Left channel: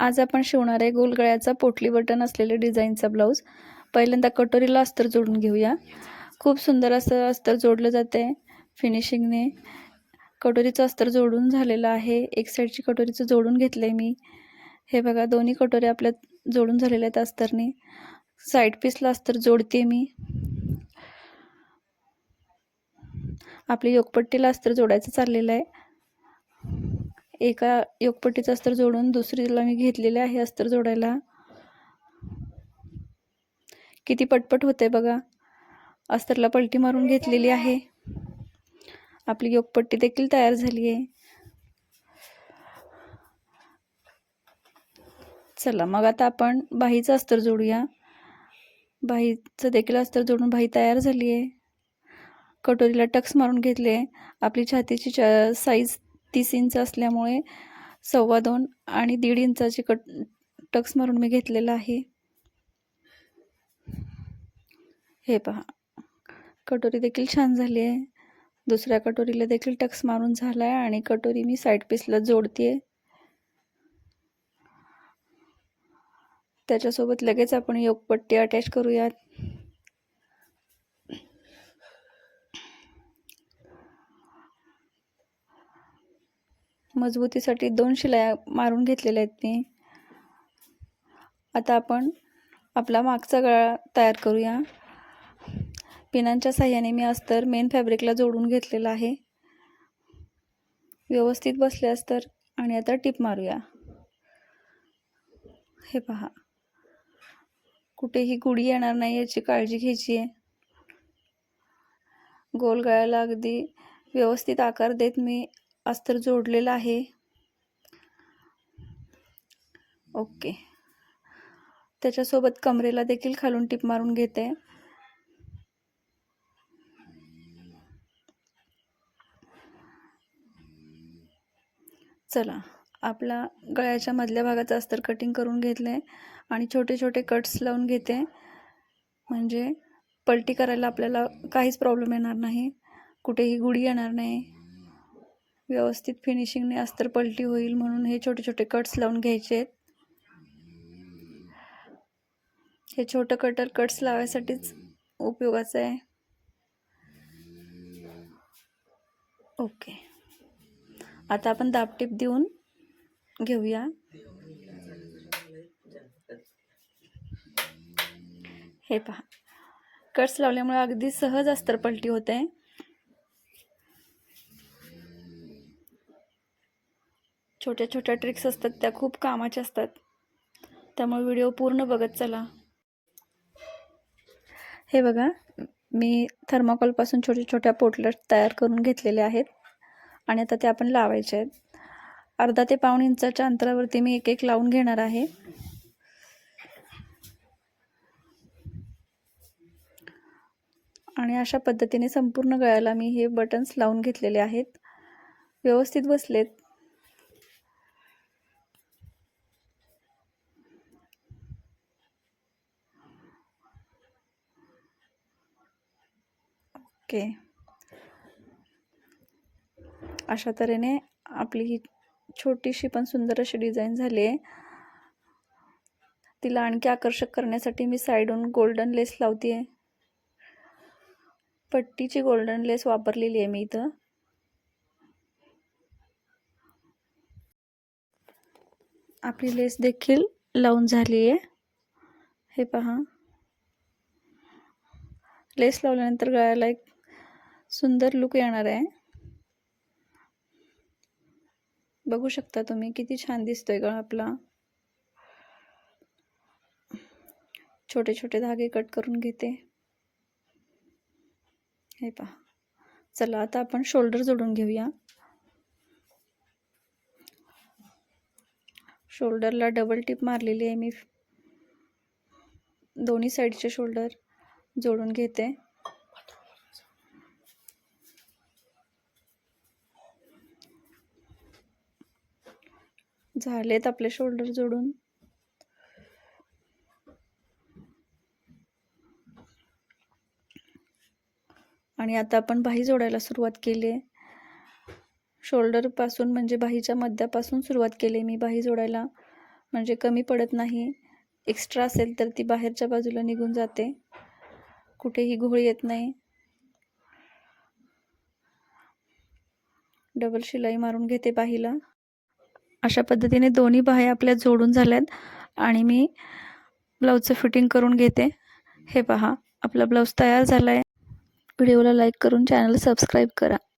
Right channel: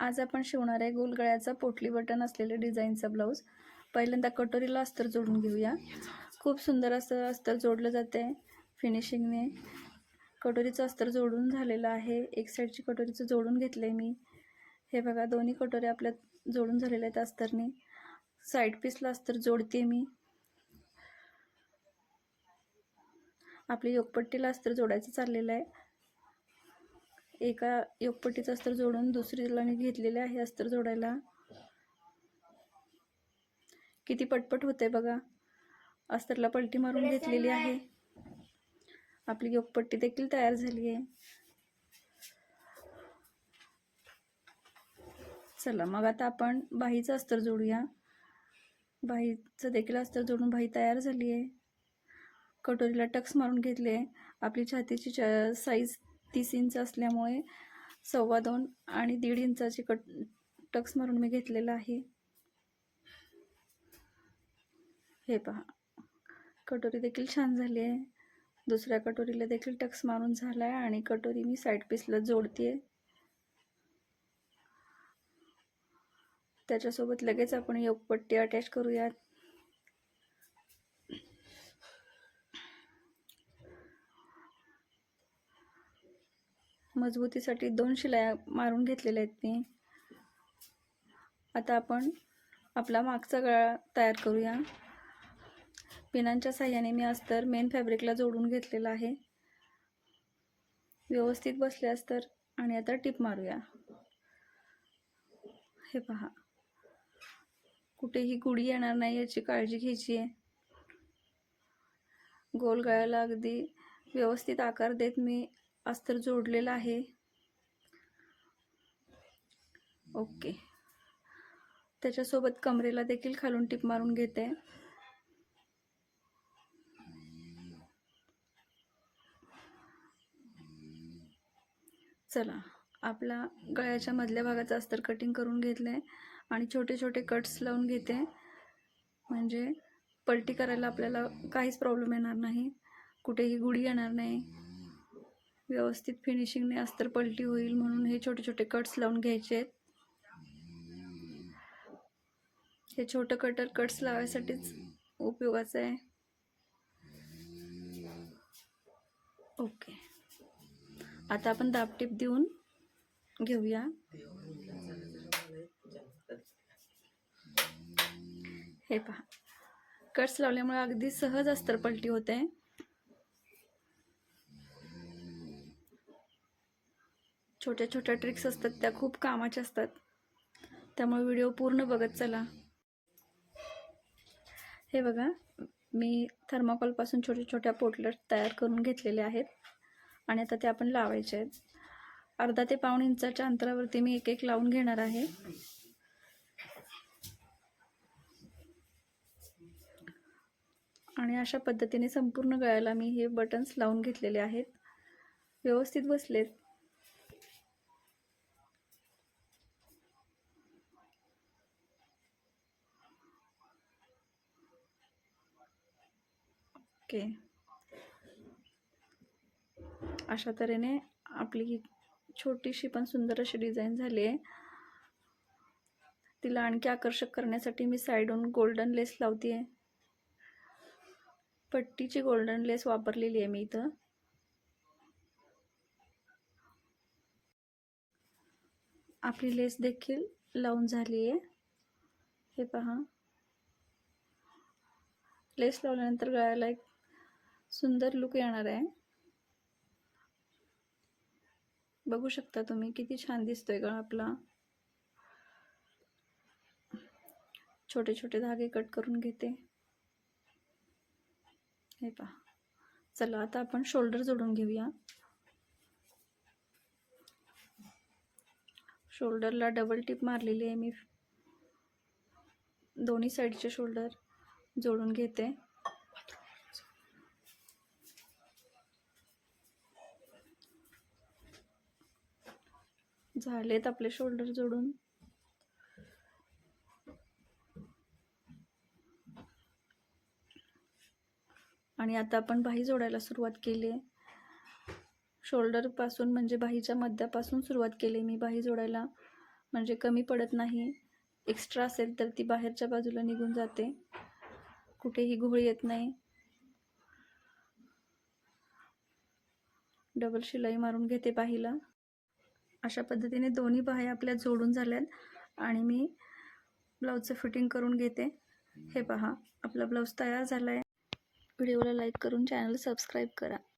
आज आपण शिवणार आहे गोल गळ्याचा पोटली बटन असलेले डिझाईनचा ब्लाऊज. पहिल्यांदा कटोरीला अस्तर जोडून घेऊया. खूप सुंदर असं अस्तर जोडलं जाते फिनिशिंगने. कटोरीचं अस्तर जोडून झालेलं आहे. एक साईडची कटोरीचं जोडून घेतलंय मी. हे बघा, दोन्ही कटोऱ्या आपल्या जोडून झालेल्या आहेत अस्तरने. साईड पीसला अस्तर जोडते मी. आपली योकपट्टीला अस्तर जोडायचं चाललेलं आहे. एका योकपट्टीचं अस्तर जोडून दुसरीला मी घेतलेले आहे अस्तर जोडायला. किती पटपट होते बघा. अस्तरला पलटी मारून घेतलेली आहे. आपली योकपट्टी देखील तयार झाली आहे. चला मग आता आपण बाहीचं अस्तर जोडूया. बाहीचं देखील अस्तर जोडून बाही तयार झाली आहे. कटोरीला टक्स मारून घेतले. आपली छातीची साईज 30 इंच असल्यामुळे 2.25 आणि 1.5 इंचाची टक्स मारून मी घेतलेला आहे. हे पहा, कटोरी देखील छान झाली आहे. दुसऱ्या कटोरीला देखील टक्स मारून झाला आहे आणि कटोरी मी साईड पीसला जोडते. त्याच्यासोबत लगेच आपण योकपट्टी अटॅच करूयात. मजबूतीसाठी 2 शिलाया मारून घेतलेल्या आहेत मी. आता आपण आपला मागचा गळा तयार करूया. पिनांच्या साहाय्याने मी अस्तर मेन फॅब्रिकला जोडून घेतलेला आहे. व्यवस्थित बसले अस्तर आणि आता टिप मारूया. हे पहा, कुठेही गुढी येणार नाही याची काळजी घ्यायची आहे. गोल गळ्याला अगदी व्यवस्थित आकार देत मी अस्तर जोडलेलं आहे. ओके. त्याच्यासोबत कमरेला देखील खालून टिप मारून घेते. चला, आपला गळ्याच्या मधल्या भागाचं अस्तर कटिंग करून घेतले आणि छोटे छोटे कट्स लावून घेते. म्हणजे पलटी करायला आपल्याला काहीच प्रॉब्लेम येणार नाही. कुठेही गुढी येणार नाही. व्यवस्थित फिनिशिंगने अस्तर पलटी होईल म्हणून हे छोटे छोटे कट्स लावून घ्यायचे आहेत. हे छोटं कटर कट्स लावायसाठीच उपयोगाचं आहे. ओके. आता आपण दाबटीप देऊन घेऊया. हे पहा, कट्स लावल्यामुळे अगदी सहज अस्तर पलटी होते. छोट्या छोट्या ट्रिक्स असतात त्या खूप कामाच्या असतात. त्यामुळे व्हिडिओ पूर्ण बघत चला. हे बघा, मी थर्माकोलपासून छोट्या छोट्या पोटल्या तयार करून घेतलेल्या आहेत आणि आता ते आपण लावायचे आहेत. अर्धा ते पाऊण इंचाच्या अंतरावरती मी एक एक लावून घेणार आहे. आणि अशा पद्धतीने संपूर्ण गळ्याला मी हे बटन्स लावून घेतलेले आहेत. व्यवस्थित बसलेत. ओके. अशा तऱ्हेने आपली ही छोटीशी पण सुंदर अशी डिझाईन झाली आहे. तिला आणखी आकर्षक करण्यासाठी मी साईडून गोल्डन लेस लावते आहे. पट्टीची गोल्डन लेस वापरलेली आहे मी इथं. आपली लेस देखील लावून झाली आहे. हे पहा, लेस लावल्यानंतर गळ्याला एक सुंदर लुक येणार आहे. बघू शकता तुम्ही किती छान दिसतोय गळा आपला. छोटे छोटे धागे कट करून घेते. हे पहा. चला, आता आपण शोल्डर जोडून घेऊया. शोल्डरला डबल टिप मारलेली आहे मी. दोन्ही साईडचे शोल्डर जोडून घेते. झालेत आपले शोल्डर जोडून. आणि आता आपण बाही जोडायला सुरुवात केली आहे. शोल्डरपासून म्हणजे बाहीच्या मध्यापासून सुरुवात केली मी बाही जोडायला. म्हणजे कमी पडत नाही. एक्स्ट्रा असेल तर ती बाहेरच्या बाजूला निघून जाते, कुठेही घोळ येत नाही. डबल शिलाई मारून घेते बाहीला. अशा पद्धतीने दोन्ही बाह्या आपल्या जोडून झाल्यात आणि मी ब्लाऊजचं फिटिंग करून घेते. हे पहा, आपला ब्लाऊज तयार झाला आहे. व्हिडिओला लाईक करून चॅनल सबस्क्राईब करा.